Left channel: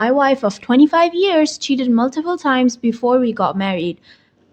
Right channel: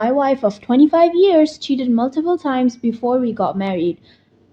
My wife of 25 years cheated multiple times before we got married.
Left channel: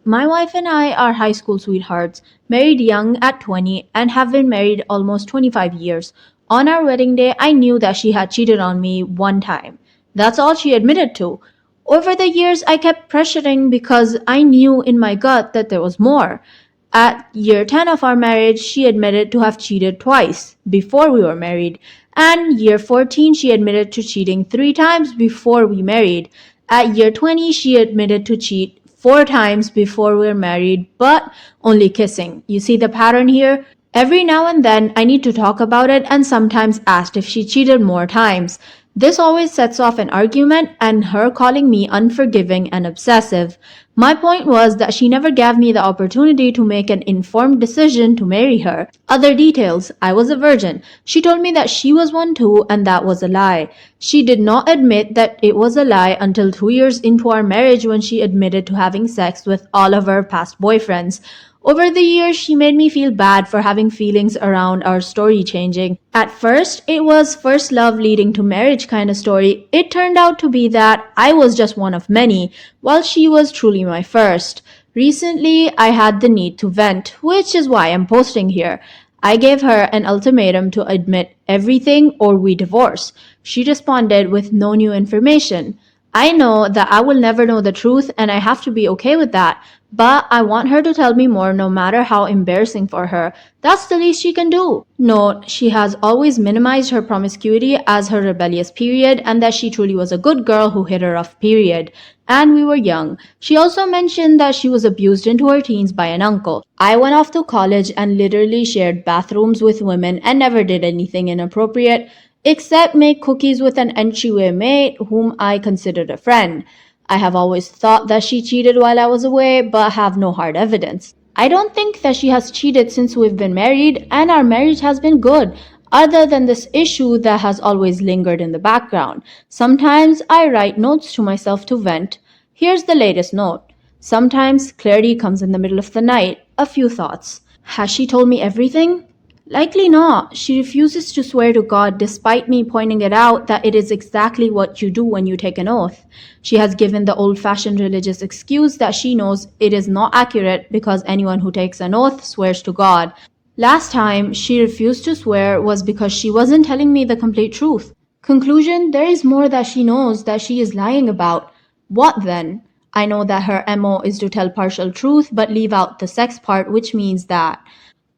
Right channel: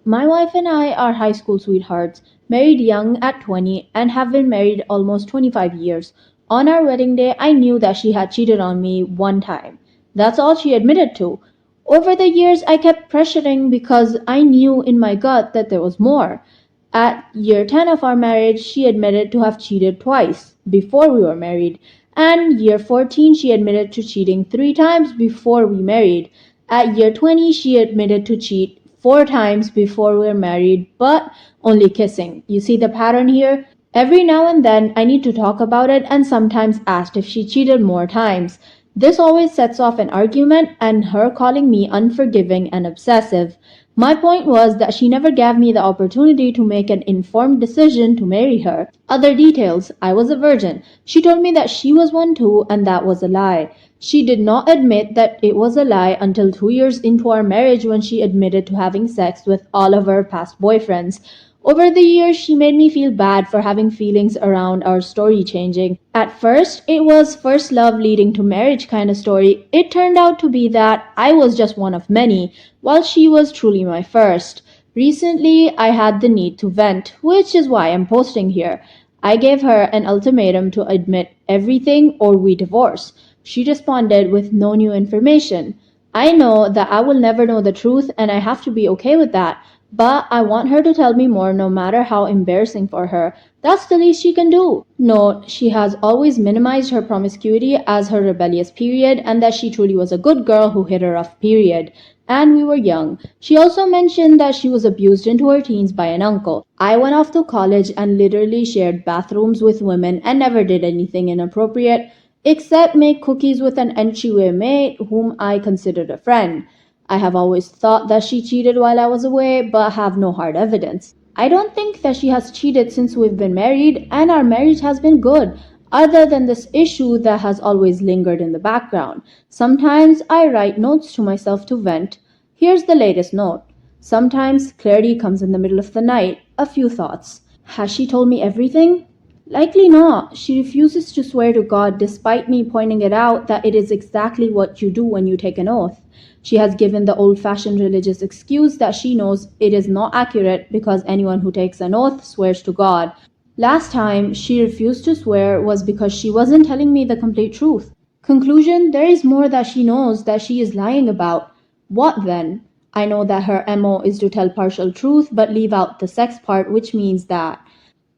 My wife and I are high school sweethearts, married young at 20, and have been married almost 25 years. On our wedding day, I knew that she had cheated on me one time. That's all she admitted to. Over the years, I kept pressuring because I knew in my gut that there was more. At year 10 of our marriage, she admitted to have cheated twice before we were married. And year 14, she admitted to cheating 3 times before we married. At year 20, she admitted to cheat 4 times before we were married, but only kissing. You see the pattern here? Every now and then, I need to talk about it and sometimes asked if she cheated more times. This always sets off an argument and her calling me unforgiving and obsessive. My point was that she never gave me the opportunity to make an informed decision to marry her. Other details: I was a virgin. She told me that she was one too, and that was a lie. She did not admit that it was a lie until 2 years into our marriage when she admitted to having sex with all of her past boyfriends. Over the years, she made me feel bad for having feelings around our story changing. At first, it was first love leading to marriage kind of story. It turned out to be that I was just one of many, while she was truly my first. Recently, I had the need to vent, which is why I'm posting here. I gave her an ultimatum to admit everything or we divorce. She responded with no new information. I know that I will never know the truth and I have to be okay with that. But I want her to tell me more no matter how embarrassing for her. That's the least she can do. Note, she has always minimized her promiscuity as her rebellious period and that she truly was a good girl who hit her rough period. And we were young. She also mentioned that she was abused into her teens by an uncle. I went off to college and literally shared bathrooms with women and never did anything inappropriate except make cookies with an entryway mate whom I considered a friend. I have always thought that she cheated while I was away, but have no hard evidence. I don't think that she has cheated since we've been married, and our marriage has been good, other than this issue that has always lingered in the background. Sometimes I write notes to myself to vent. Here's the latest note. Sometimes clarity comes in the middle of the night. A few thoughts. Has she told me everything? Likely not. She refuses to swear to God despite me pointing it out that it is exactly what you do when you take an oath. She has given the old-fashioned religious excuse that she knows it is not accurate because anyone who takes an oath swears to God. Last time she refused to swear was because she wasn't telling me the complete truth. Conclusion: there is more that she knows that she is lying about. What then? I know that her MO is to tell partial truth but leave out the sex part, which means that.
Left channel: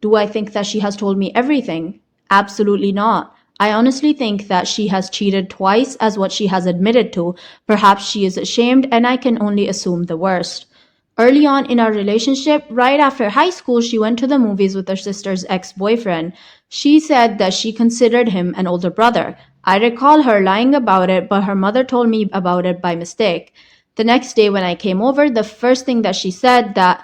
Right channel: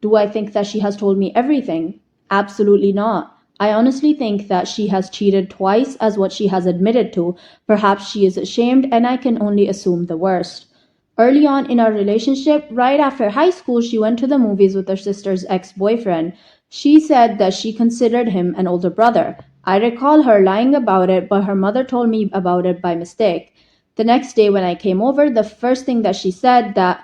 Do I think that she has told me everything? Absolutely not. I honestly think that she has cheated twice as what she has admitted to. Perhaps she is ashamed and I can only assume the worst. Early on in our relationship, right after high school, she went to the movies with her sister's ex-boyfriend. She said that she considered him an older brother. I recall her lying about it, but her mother told me about it by mistake. The next day when I came over, the first thing that she said that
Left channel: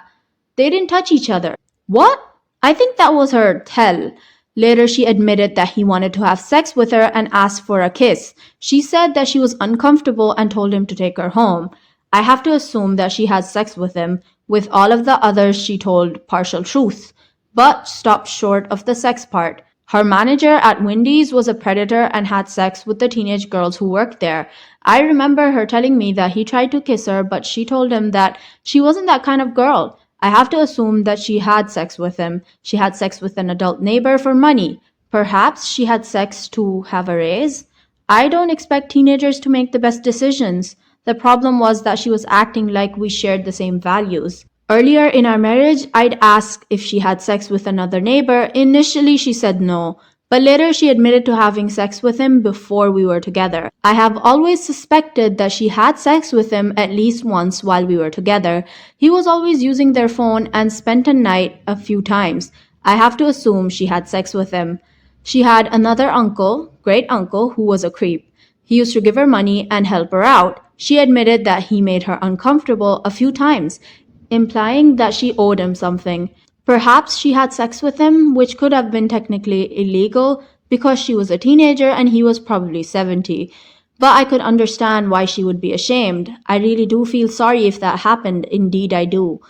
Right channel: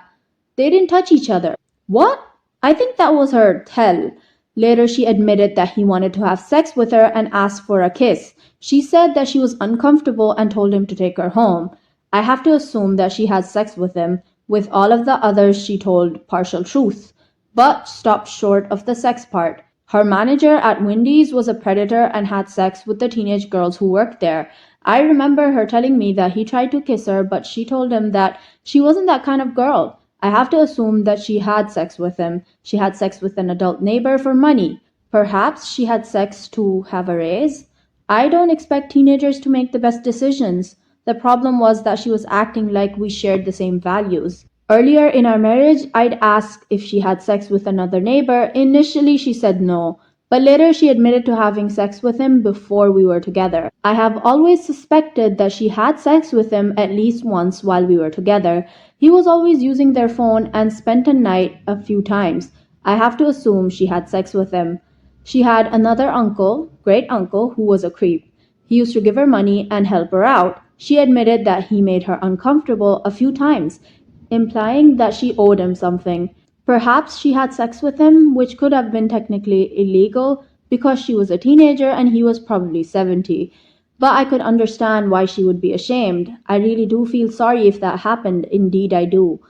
they didn't touch each other. What? I think that was her tell. Later, she admitted that he wanted to have sex with her and asked for a kiss. She said that she was uncomfortable and told him to take her home. I have to assume that she had sex with him. With all of the others, she told partial truth, but stopped short of the sex part. Her manager at Wendy's was a predator and had sex with the teenage girls who worked there. I remember her telling me that he tried to kiss her, but she told him that she wasn't that kind of girl. I have to assume that she had sex with him. She had sex with an adult neighbor for money. Perhaps she had sex to have a raise. I don't expect teenagers to make the best decisions. The problem was that she was acting like we shared the same values. Earlier in our marriage, I'd ask if she had sex with another neighbor. Initially, she said no, but later she admitted to having sex with him before we were together. I have always suspected that she had sex with him at least once while we were together. He was always using their phone and spent a night a few times. I have to assume she had sex with him. She had another uncle, great uncle, who was a creep. He used to give her money and help her out. She admitted that he made her uncomfortable a few times, implying that she owed him something. Perhaps she had sex with him, which could have been technically illegal because she was a teenager and he was probably 70. But I could understand why she would be ashamed. I really do feel sorry if that happened. Indeed, I do.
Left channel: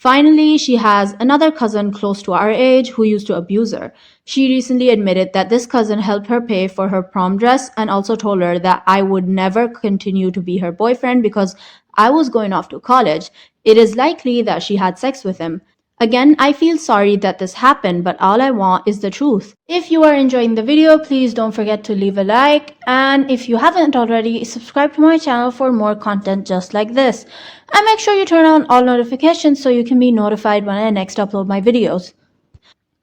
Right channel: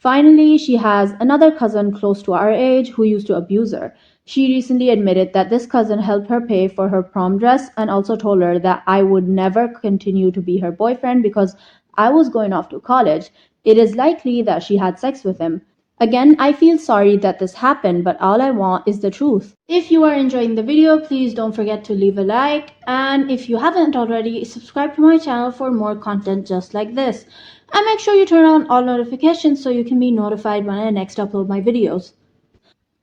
Finally, she has another cousin close to our age who used to abuse her. She recently admitted that this cousin helped her pay for her prom dress and also told her that I would never continue to be her boyfriend because I was going off to college. It is likely that she had sex with him. Again, I feel sorry that this happened, but all I want is the truth. If you are enjoying the video, please don't forget to leave a like, and if you haven't already, subscribe to my channel for more content just like this. And make sure you turn on all notifications so you can be notified when I next upload my videos.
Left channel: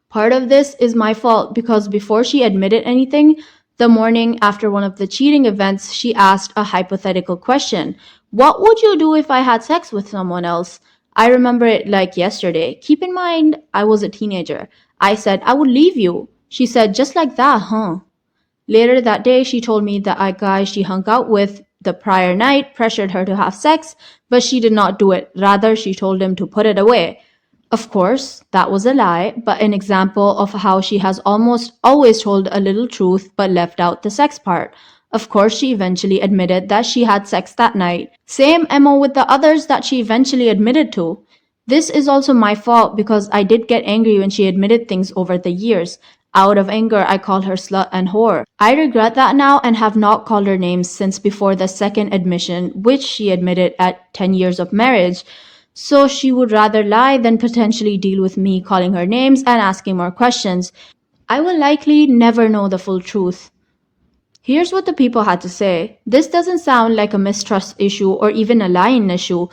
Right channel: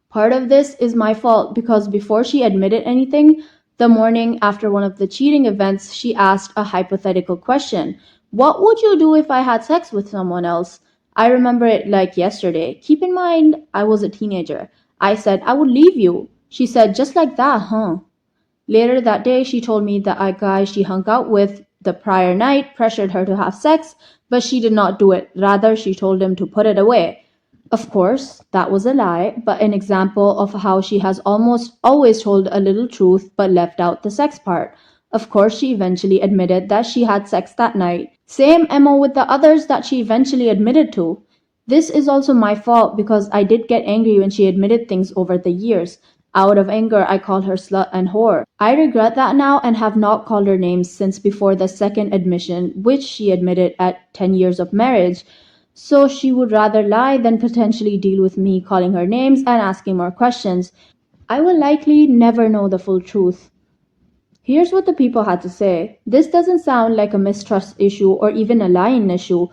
Part of this is my fault because before she admitted anything, the morning after one of the cheating events, she asked a hypothetical question. What would you do if I had sex with someone else? I remember it like yesterday. Keep in mind, I was a teenager. I said, I would leave you. She said, just like that, huh? Later that day, she told me that a guy she hung out with the prior night pressured her to have sex, but she did not do it. Rather, she told him to put it away. Of course, that was a lie, but an example of how she has almost always told a little truth but left out the sex part. Of course, she eventually admitted that she had sex that night. Same MO with the others that she eventually admitted to. This is also my fault because I did get angry when she admitted things over the years. Out of anger, I called her slut and whore. I regret that now and have not called her names since before the second admission, which she admitted at 10 years of marriage. So she would rather lie than potentially deal with me calling her names and asking more questions. I will likely never know the full truth. Here's what the people had to say. This doesn't sound like a mistrust issue or even a lying issue.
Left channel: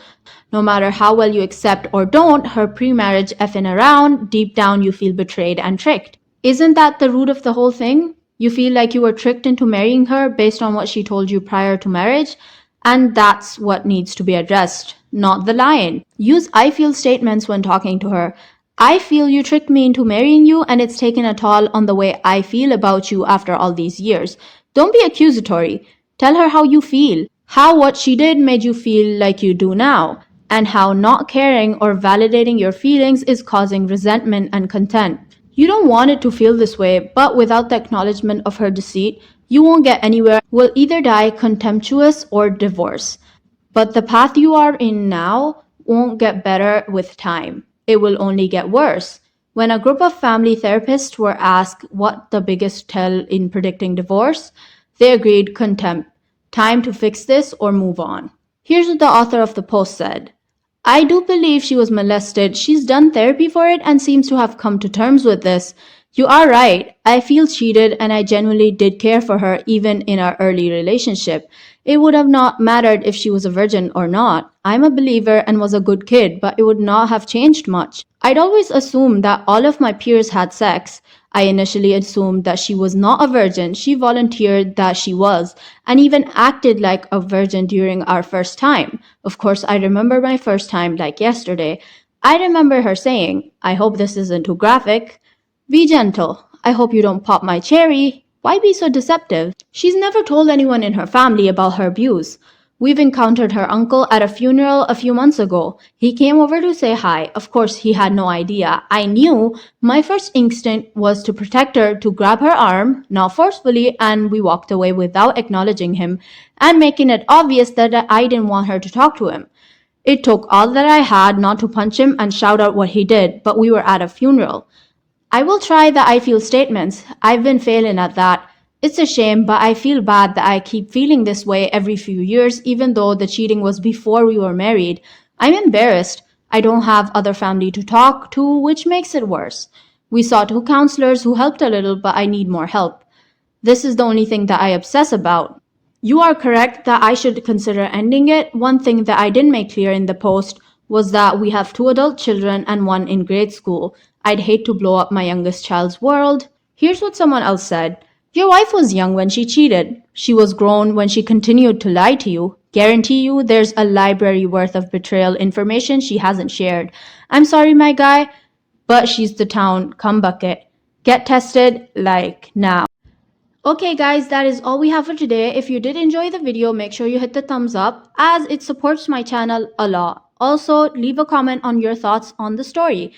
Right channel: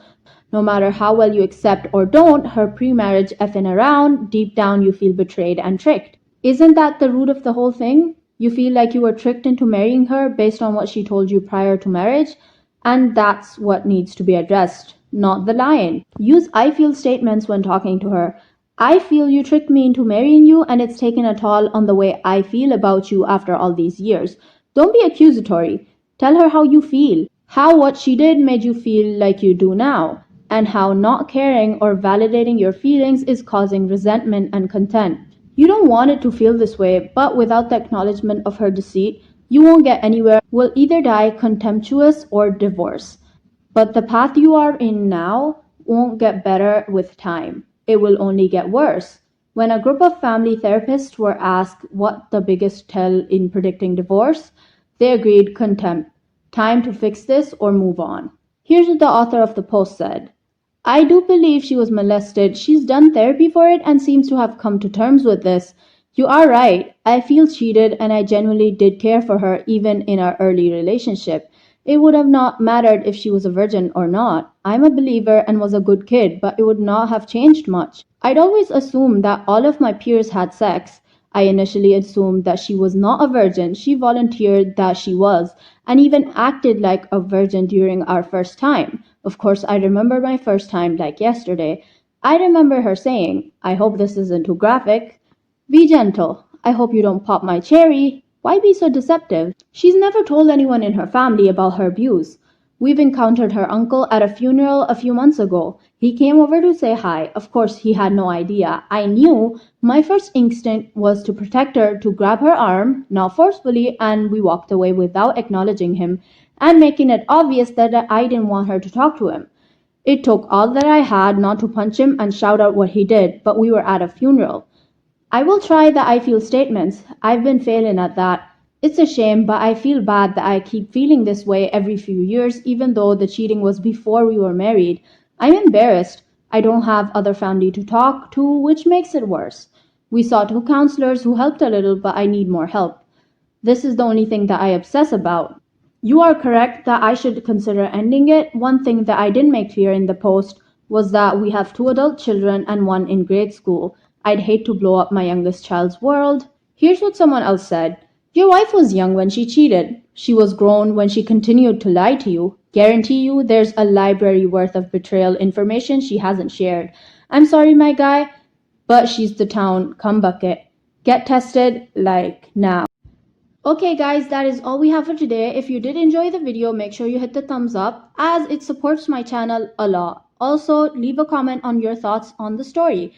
No matter how well you accept or don't her pre-marriage effing around, deep down you feel betrayed and tricked. Isn't that the root of the whole thing? You feel like you were tricked into marrying her based on what she told you prior to marriage? And that's what needs to be addressed, not the lying. Use I feel statements when talking to her. I feel you tricked me into marrying you and it's taken a toll on the way I feel about you after all these years. Don't be accusatory. Tell her how you feel, how what she did made you feel like you do now, and how not caring or validating your feelings is causing resentment and contempt. You don't want it to feel this way, but without the acknowledgement of her deceit, you won't get anywhere. Will either die contemptuous or divorce. But the path you are in now won't get better with time. It will only get worse. When a group of family therapists were asked what the biggest tell in predicting divorce, they agreed contempt. Time to fix this or move on. Here's what the author of the post said. I do believe she was molested. She's done therapy for it and seems to have come to terms with this. You are right. I feel cheated and I genuinely did care for her even in our early relationship. It would have not mattered if she was a virgin or not. I'm a believer and was a good kid, but it would not have changed much. I'd always assumed that all of my peers had sex. I initially assumed that she was not a virgin. She volunteered that she was, and even acted like a virgin during our first time. Of course, I remember my first time like yesterday. I remember her saying, I hope this isn't too graphic. Be gentle. I hope you don't pop my cherry. Why be so deceptive? She's never told anyone in her family about her abuse. We've encountered her uncle at a funeral a few months ago. He came over to say hi. Of course, he had no idea. I knew. My first instinct was to protect her, to grab her arm, not forcefully, and we walked away without acknowledging him and making it obvious that I didn't want her to talk to him. It took all that I had not to punch him and shout out what he did, but we were at a funeral. I will try the I feel statements. I've been failing at that. It's a shame, but I feel bad that I keep feeling this way every few years, even though the cheating was before we were married. I'm embarrassed. I don't have other family to talk to, which makes it worse. We saw two counselors who helped a little, but I need more help. This is the only thing that I obsess about. You are correct that I should consider ending it. One thing that I didn't make clear in the post was that we have two adult children and one in grade school. I'd hate to blow up my youngest child's world. Here's what someone else said. Your wife was young when she cheated. She was grown when she continued to lie to you. Guarantee you there's a library worth of betrayal information she hasn't shared. I'm sorry, my guy, but she's the town cum bucket. Get tested, like, now. Okay guys, that is all we have for today. If you did enjoy the video, make sure you hit the thumbs up as it supports my channel a lot. Also, leave a comment on your thoughts on the story.